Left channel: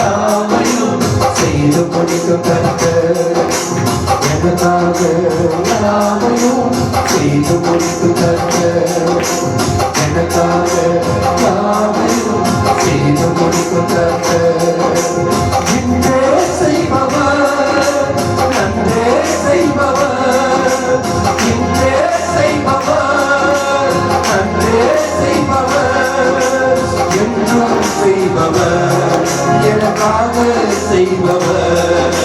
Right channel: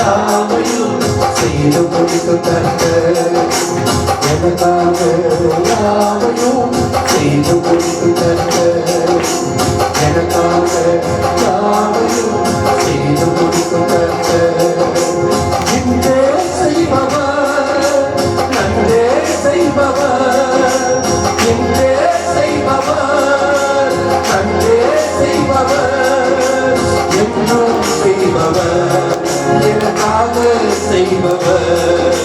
யாவையும் செய்து முடிக்கும் கர்த்தர் எனக்காக யாவையும் செய்து முடிக்கும் கர்த்தர் எனக்காக யாவையும் செய்து முடிக்கும் கர்த்தர் இன்றே செய்பவர் நன்றே செய்பவர் இன்றே செய்பவர் நன்றே செய்பவர் இன்னும் செய்பவர் எனக்காக செய்பவர்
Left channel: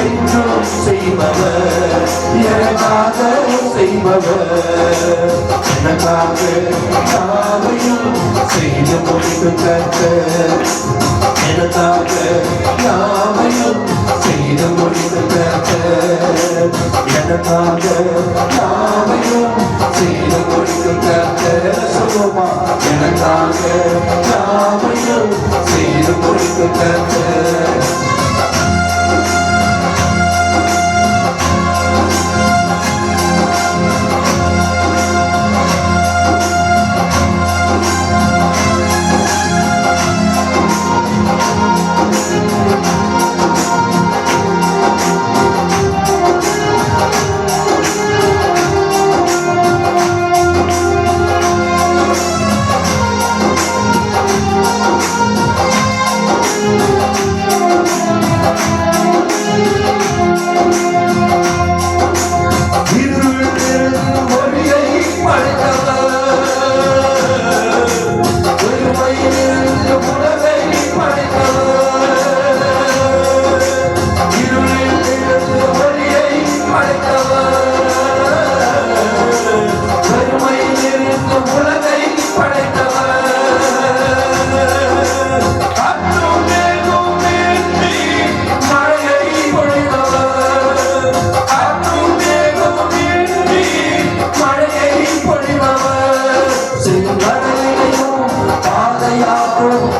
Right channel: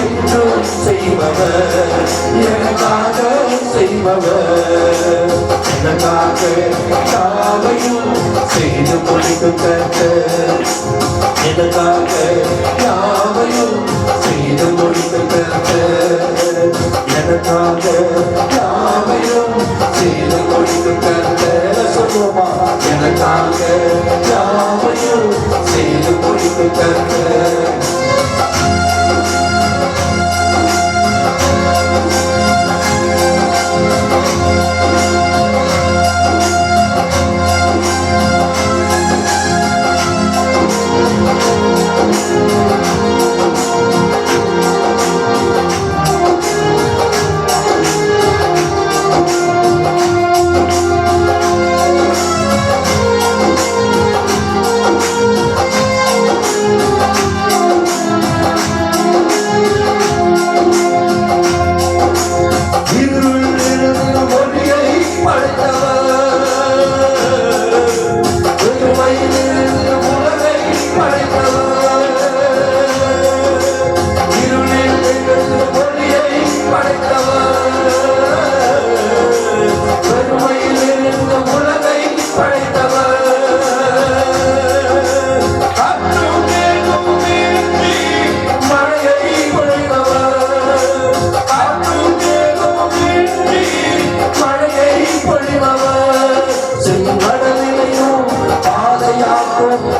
என்றும் செய்பவர் எனக்காக செய்பவர் எனக்காக யாவையும் செய்து முடிக்கும் கர்த்தர் எனக்காக யாவையும் செய்து முடிக்கும் கர்த்தர் எனக்காக யாவையும் செய்து முடிக்கும் கர்த்தர் சொல்லுமா எனக்காக யாவையும் செய்து முடிக்கும் கர்த்தர்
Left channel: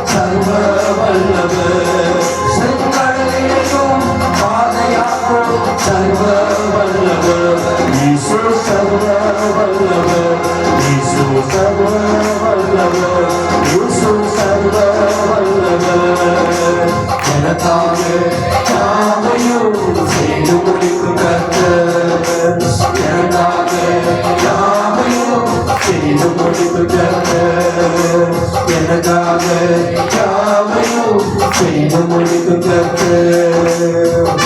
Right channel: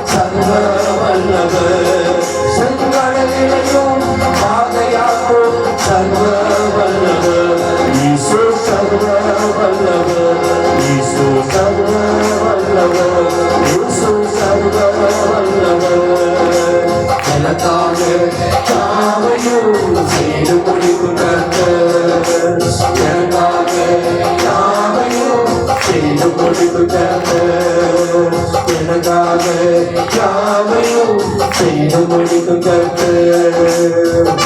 சர்வ வல்லவர் செங்கடலிலும் பாதையாக்கும் சர்வ வல்லவர் இயேசு சர்வ வல்லவர் இயேசு சர்வ வல்லவர் இயேசு சர்வ வல்லவர் எனக்காக யாவையும் செய்து முடிக்கும் கர்த்தர் எனக்காக யாவையும் செய்து முடிக்கும் கர்த்தர் எனக்காக யாவையும் செய்து முடிக்கும் கர்த்தர்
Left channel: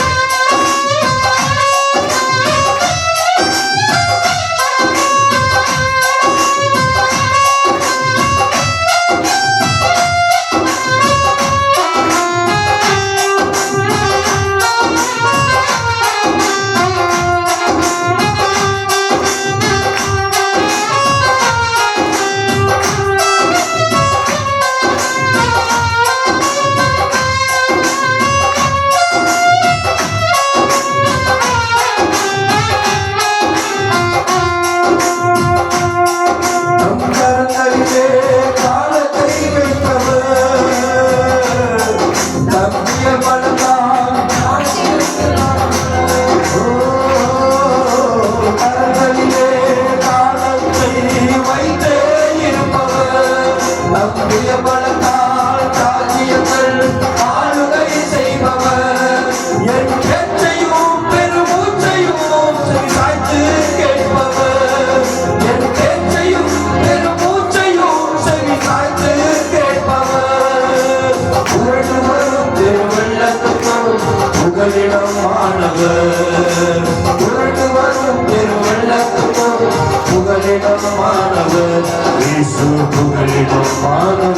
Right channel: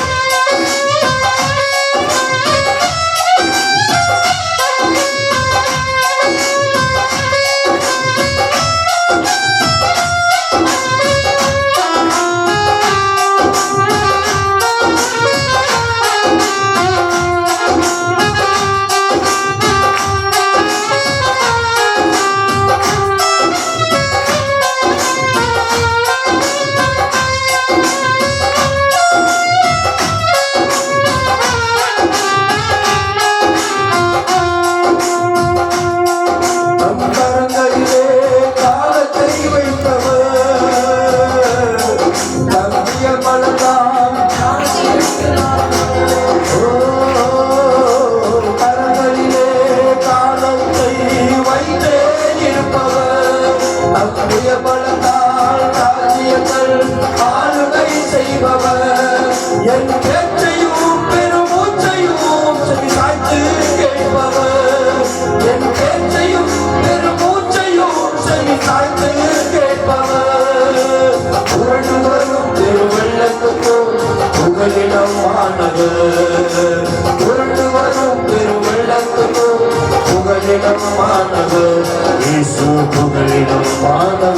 இயேசு புகழிடம் மாணவர்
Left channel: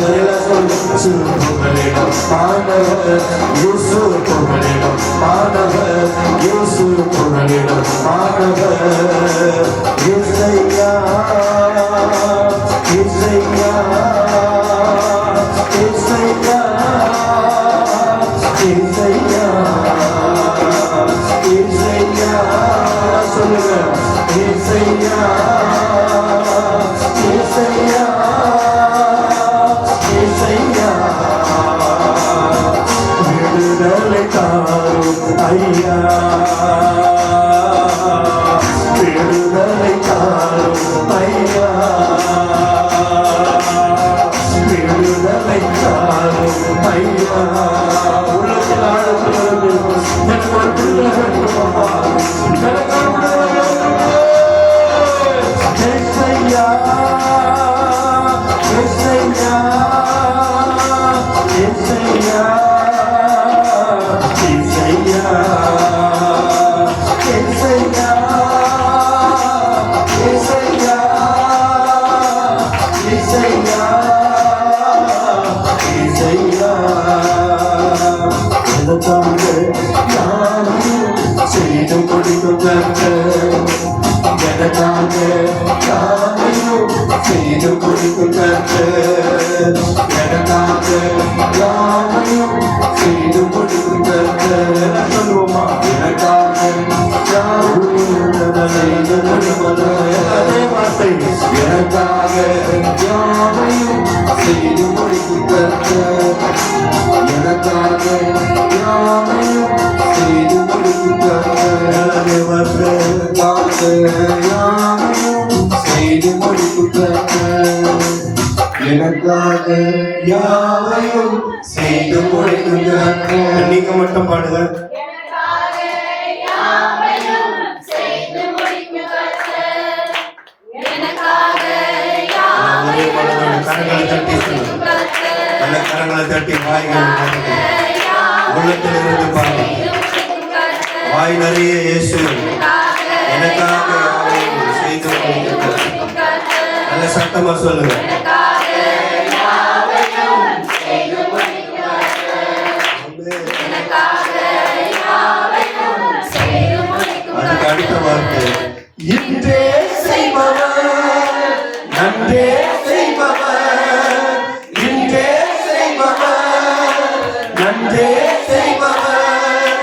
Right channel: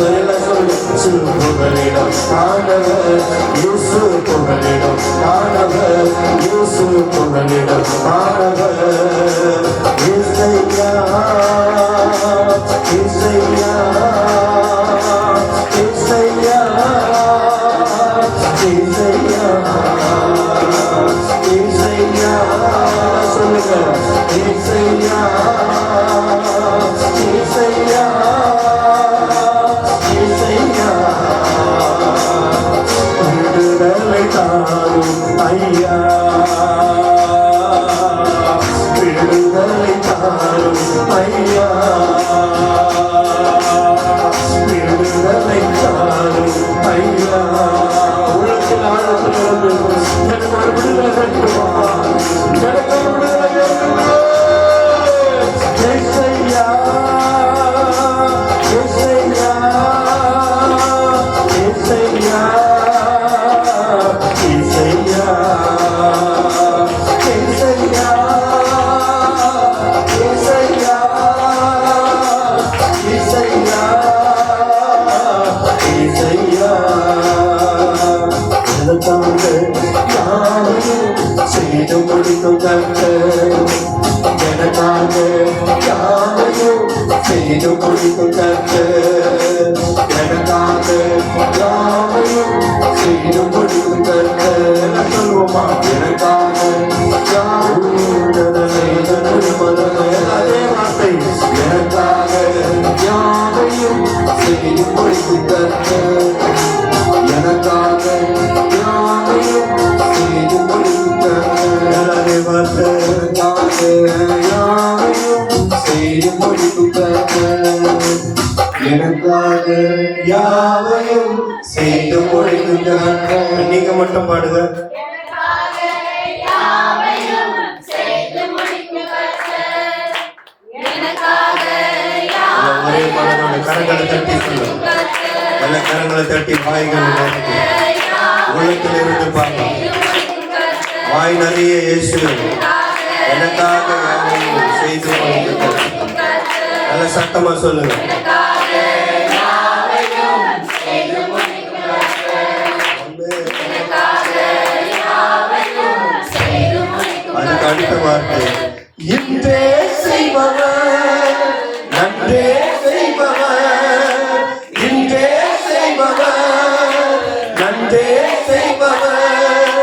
இயேசு புகழிடம் மாணவர் இயேசு புகழிடம் மாணவர் இயேசு புகழிடம் மாணவர் இசையா இசையா இசையா இசையா இசையா சொல்லுங்க இசையா இசையா இசையா விடுதலை தாரும் ஐயா விடுதலை தாரும் ஐயா விடுதலை தாரும் எனக்காக யாவையும் செய்து முடிக்கும் கர்த்தர். எனக்காக யாவையும் செய்து முடிக்கும் கர்த்தர். எனக்காக யாவையும் செய்து முடிக்கும் கர்த்தர். சொல்லுவோமா? எனக்காக யாவையும் செய்து முடிக்கும் அதே வார்த்தை. எனக்காக யாவையும் செய்து முடிக்கும் கர்த்தர். எனக்காக யாவையும் செய்து முடிக்கும் கர்த்தர். அதே வார்த்தை. யாவையும் செய்து முடிக்கும் கர்த்தர். எனக்காக யாவையும் செய்து முடிக்கும் கர்த்தர். நீங்க மட்டும் பாடுங்க. கரங்களை தட்டி வாய்கள் உள்ளத்தில் இருந்து பாருங்க. வாய் நிறைய இயேசு எனக்காக யாவையும் செய்து முடிக்கும். நல்ல சத்தமா சொல்லுங்க. அதுக்கு அடுத்த வார்த்தை. இன்றே செய்பவர் நன்றே செய்பவர். இன்றே செய்பவர் நன்றே செய்பவர்.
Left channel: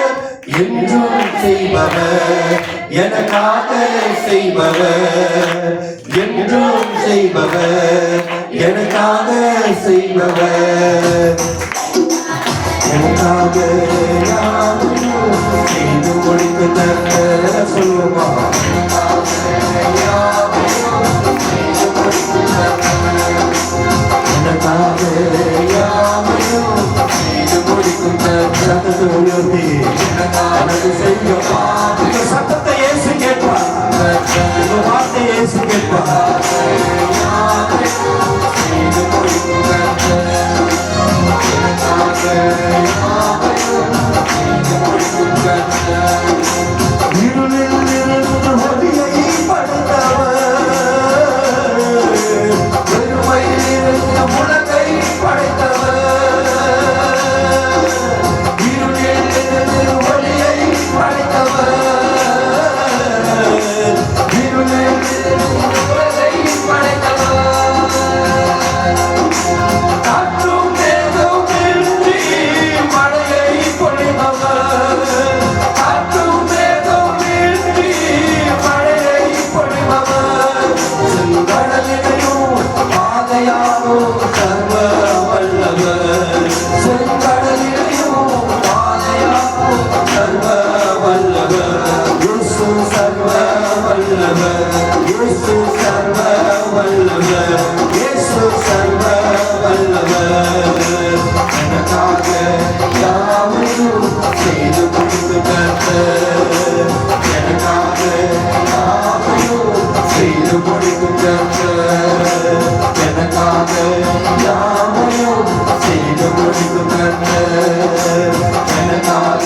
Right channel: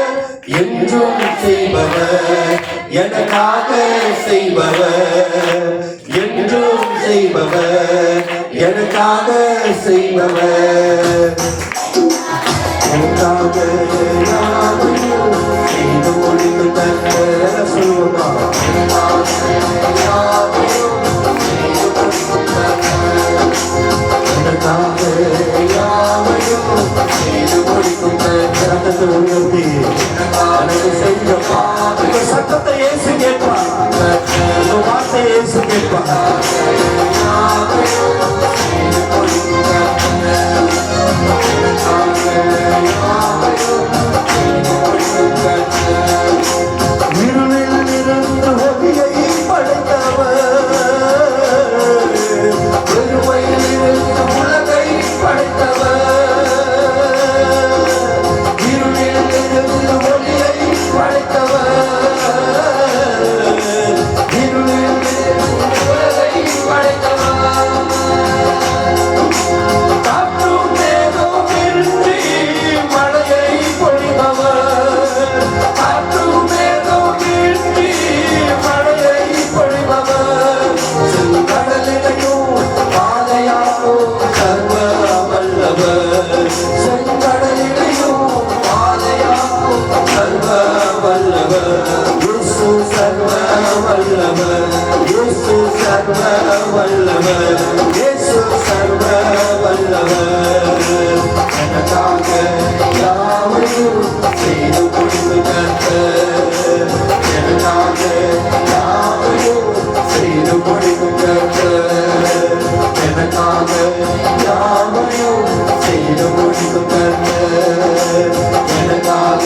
என்றும் செய்பவர் எனக்காக செய்பவர். என்றும் செய்பவர் எனக்காக செய்பவர். எனக்காக யாவையும் செய்து முடிக்கும் கர்த்தர். சொல்லுமா? எனக்காக யாவையும் செய்து முடிக்கும் கர்த்தர். உயர்த்தி எனக்கு செய்யப்பா. இந்த சத்தத்தை இயேசு கேட்பா. இந்த வார்த்தை இயேசு கேட்பா. இருளில் இருந்து ஒளியை படைத்தவர். வெறுமையில் இருந்து உலகை படைத்தவர். இருளில் இருந்து ஒளியை படைத்தவர். இருளில் இருந்து உலகை படைத்தவர். காற்றும் மேகம் இன்றி மழையை பொழிபவர். காற்றும் மேகம் இன்றி மழையை பொழிபவர். செங்கடலினையும் பாதையாகும் சர்வ வல்லவர். செங்கடலினையும் பாதையாகும் சர்வ வல்லவர். இயேசு சர்வ வல்லவர். இயேசு சர்வ வல்லவர். இயேசு சர்வ வல்லவர். எனக்காக யாவையும் செய்து முடிக்கும் கர்த்தர். எனக்காக யாவையும் செய்து முடிக்கும் கர்த்தர். எனக்காக யாவையும் செய்து முடிக்கும் கர்த்தர். எனக்காக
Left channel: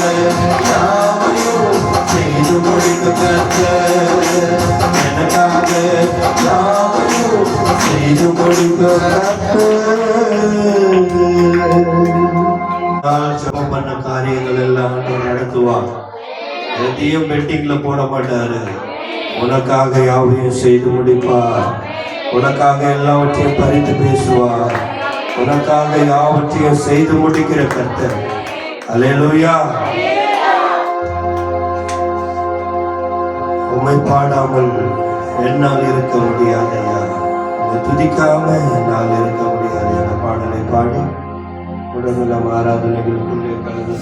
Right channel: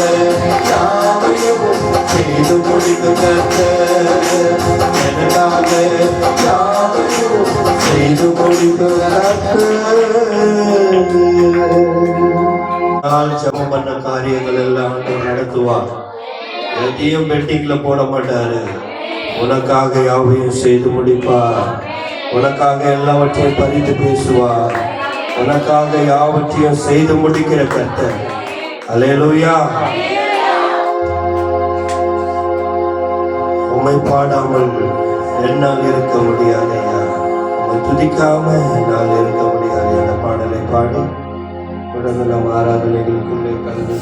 யாவையும் செய்து முடிக்கும் கர்த்தர். எனக்காக யாவையும் செய்து முடிக்கும் கர்த்தர். ஜெபம் பண்ண காரியங்கள் எல்லாம் நடத்துவார். எதையும் பெட்டிங்ல போட மாட்டாரு. உனக்காக யாவையும் செய்து முடிப்பார். உனக்காக எல்லாவற்றையும் பரிந்து பேசுவார். உனக்காக யாவற்றையும் செய்து முடிக்கிற கர்த்தர். அல்லேலூயா. உம்மை பாடாமல் என்னால் இருக்க முடியாது ஐயா. உம்மை துதிக்காம என்னால் இருக்க முடியாது. அந்த பாடலை பாடி தொடர்ந்து நாம் ஆராதனைகளுக்குள்ளே கலந்து